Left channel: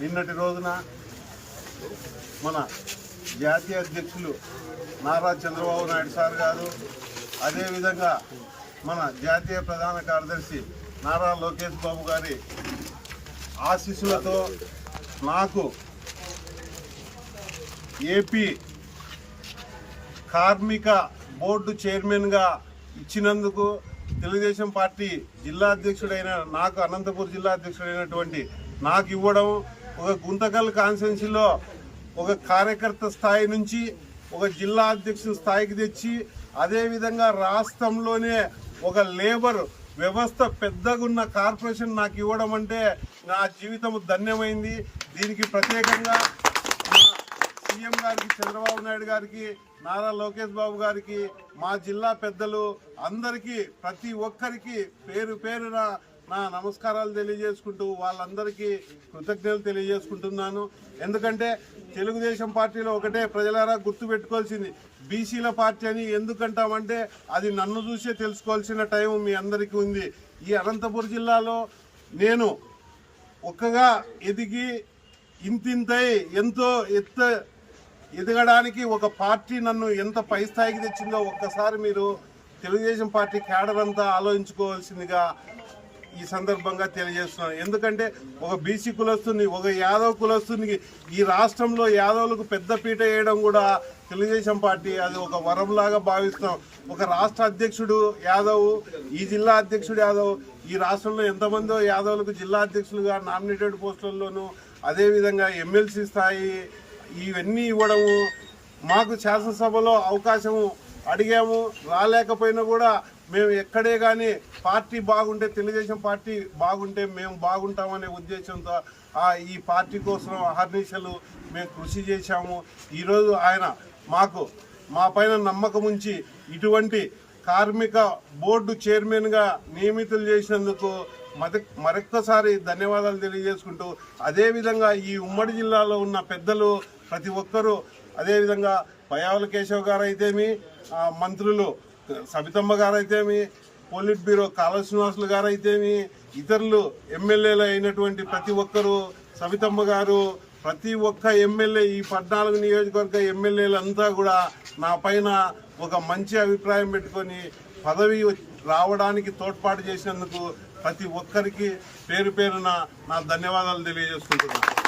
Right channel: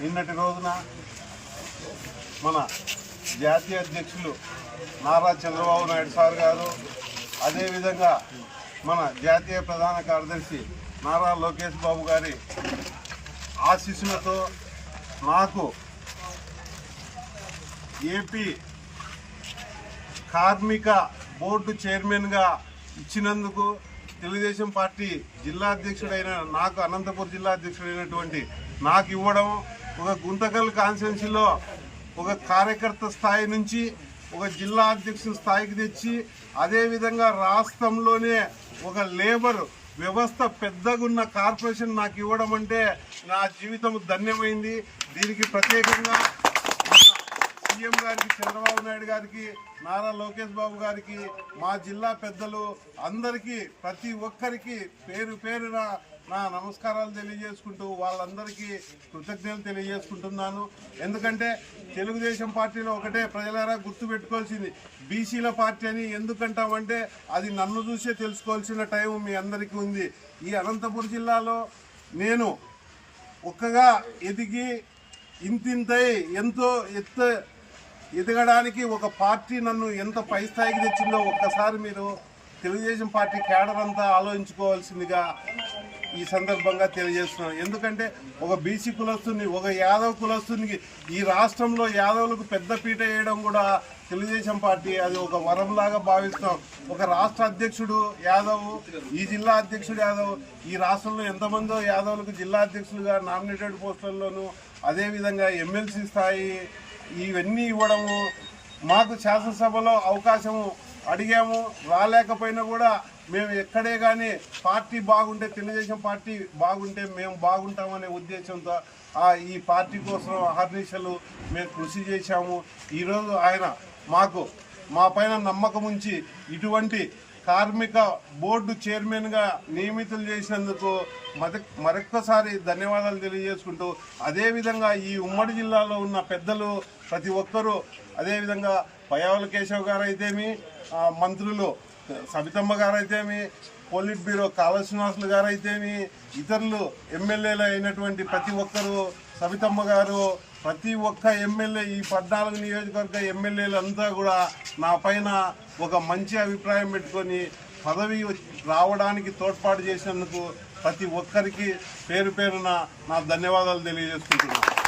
నిన్నటి రోజున మన జాతీయ అధ్యక్షులు నారా చంద్రబాబు నాయుడు సార్ గారు అదేవిధంగా మన జాతీయ ప్రధాన కార్యదర్శి నారా లోకేష్ బాబు గారి ఆశీస్సులతో నాకు ఏపీ కార్మిక బోర్డు చైర్మన్గా ఇచ్చినందుకు తెలుగుదేశం పార్టీ జిల్లా అధ్యక్షుడైన నాకు అనంతపూర్ జిల్లా అధ్యక్షుడైనటువంటి నాకు ఇవ్వడం ఒక గుంతకల్ కాన్స్టిట్యున్సీలో ఒక కార్యకర్త స్థాయి నుంచి ఒక జిల్లా అధ్యక్షుని స్థాయికి తెచ్చి అదేవిధంగా రాష్ట్రంలోనే ఒక లేబర్ వ్యవస్థ పెద్దగున్న కార్పొరేషన్ నాకు ఇవ్వడం అంటే నా జీవితం ధన్యమైంది. దీనికి ప్రత్యేకంగా సీఎం గారికి చంద్రబాబు నాయుడు గారికి నారా లోకేష్ బాబు గారికి మా జిల్లా పెద్దలు అందరికీ ప్రతి ఒక్కరికి పేరు పేరున నా నమస్కారాలు తెలియజేసుకుంటూ వాళ్ళందరికీ కృతజ్ఞతలు తెలియజేసుకుంటున్నాను. ఎందుకంటే తెలుగుదేశం పార్టీలో ఒకటే ప్రజలారా గుర్తుపెట్టుకోవాల్సింది బీసీల పార్టీ అని ఎందుకంటామంటే అది నన్ను చూసే తెలుసుకోవాల్సిన టైం మీ అందరికీ ఉంది. ఈ అనంతపురం జిల్లాలో నేను ఒక్కగా ఎదిగి ఇంతింతై ఎంతో ఎత్త ఎదగడానికి ఒక పార్టీ నన్ను ఎంత పై స్థాయికి తెచ్చిందో ఒక్కసారి మీరు తెలుగుదేశం పార్టీ కేడర్ అంతా ఆలోచించుకోవాల్సిందిగా ఈ సందర్భంగా తెలియజేస్తున్నాను. ఎందుకంటే ఒక బీసీ కులస్తుని ఒక యాదవ్ కులస్తునికి ఈ రాష్ట్రంలో యాదవులకు పెద్ద పీట వేయడం కూడా తెలుగుదేశం పార్టీ అది ఒక వరంలాగా భావిస్తున్నాం. ఒక రాష్ట్ర అధ్యక్షుడు యాదవ్ ఈ జిల్లా అధ్యక్షుడు యాదవ్ ఈ రాష్ట్రంలో ఎంతమందో యాదవులకు జిల్లా అధ్యక్షులుగా నామినేటెడ్ పోస్టుల్లోనూ అదేవిధంగా ఎమ్మెల్సీ స్థాయి ఇవన్నీ ఇవ్వడము మాకు శాసనసభలో అవకాశము అడిగాము రాలేకపోయినా కూడా మేము ఎక్కడే కానీ పార్టీ బాగుంటే తెలుగుదేశం పార్టీ బాగుంటే మేము బాగుంటామనే ఉద్దేశంతో ఆ ఈ పార్టీ కోసం అహర్నిశలు మేము కృషి చేశాము. ఈరోజు ఆయన మాకు మా పైన నమ్మకం ఉంచి ఇటువంటి కార్మిక బోర్డు చైర్మన్గా నియమితులు చేసినందుకు మత మరొక్కసారి ధన్యవాదాలు తెలియజేసుకుంటూ అదేవిధంగా ఈ ఉమ్మడి జిల్లాలో ఉన్న పెద్దలు ప్రతి ఒక్కరూ అదేవిధంగా పయావుల కేశవ్ గారు అయితేమి మంత్రులు సబితమ్మ గారు అయితేమి పోలిట్ బ్యూరో కాళ శ్రీనివాసులు గారు అయితేమి ఇతరులు ఎమ్మెల్యేలు అయినటువంటి ప్రతి ఒక్కరూ సబితమ్మ గారు ప్రతి ఒక్క ఎమ్మెల్యే ఈ పద్నాలుగు నియోజకవర్గ ఎమ్మెల్యేలు అంతా కూడా నా పైన ఒక మంచి అభిప్రాయం పెట్టుకొని పదవి రావడానికి తోడ్పాటు చేసినందుకు ప్రతి ఒక్కరికి పేరు పేరున నా ధన్యవాదాలు తెలియజేసుకుంటున్నాను.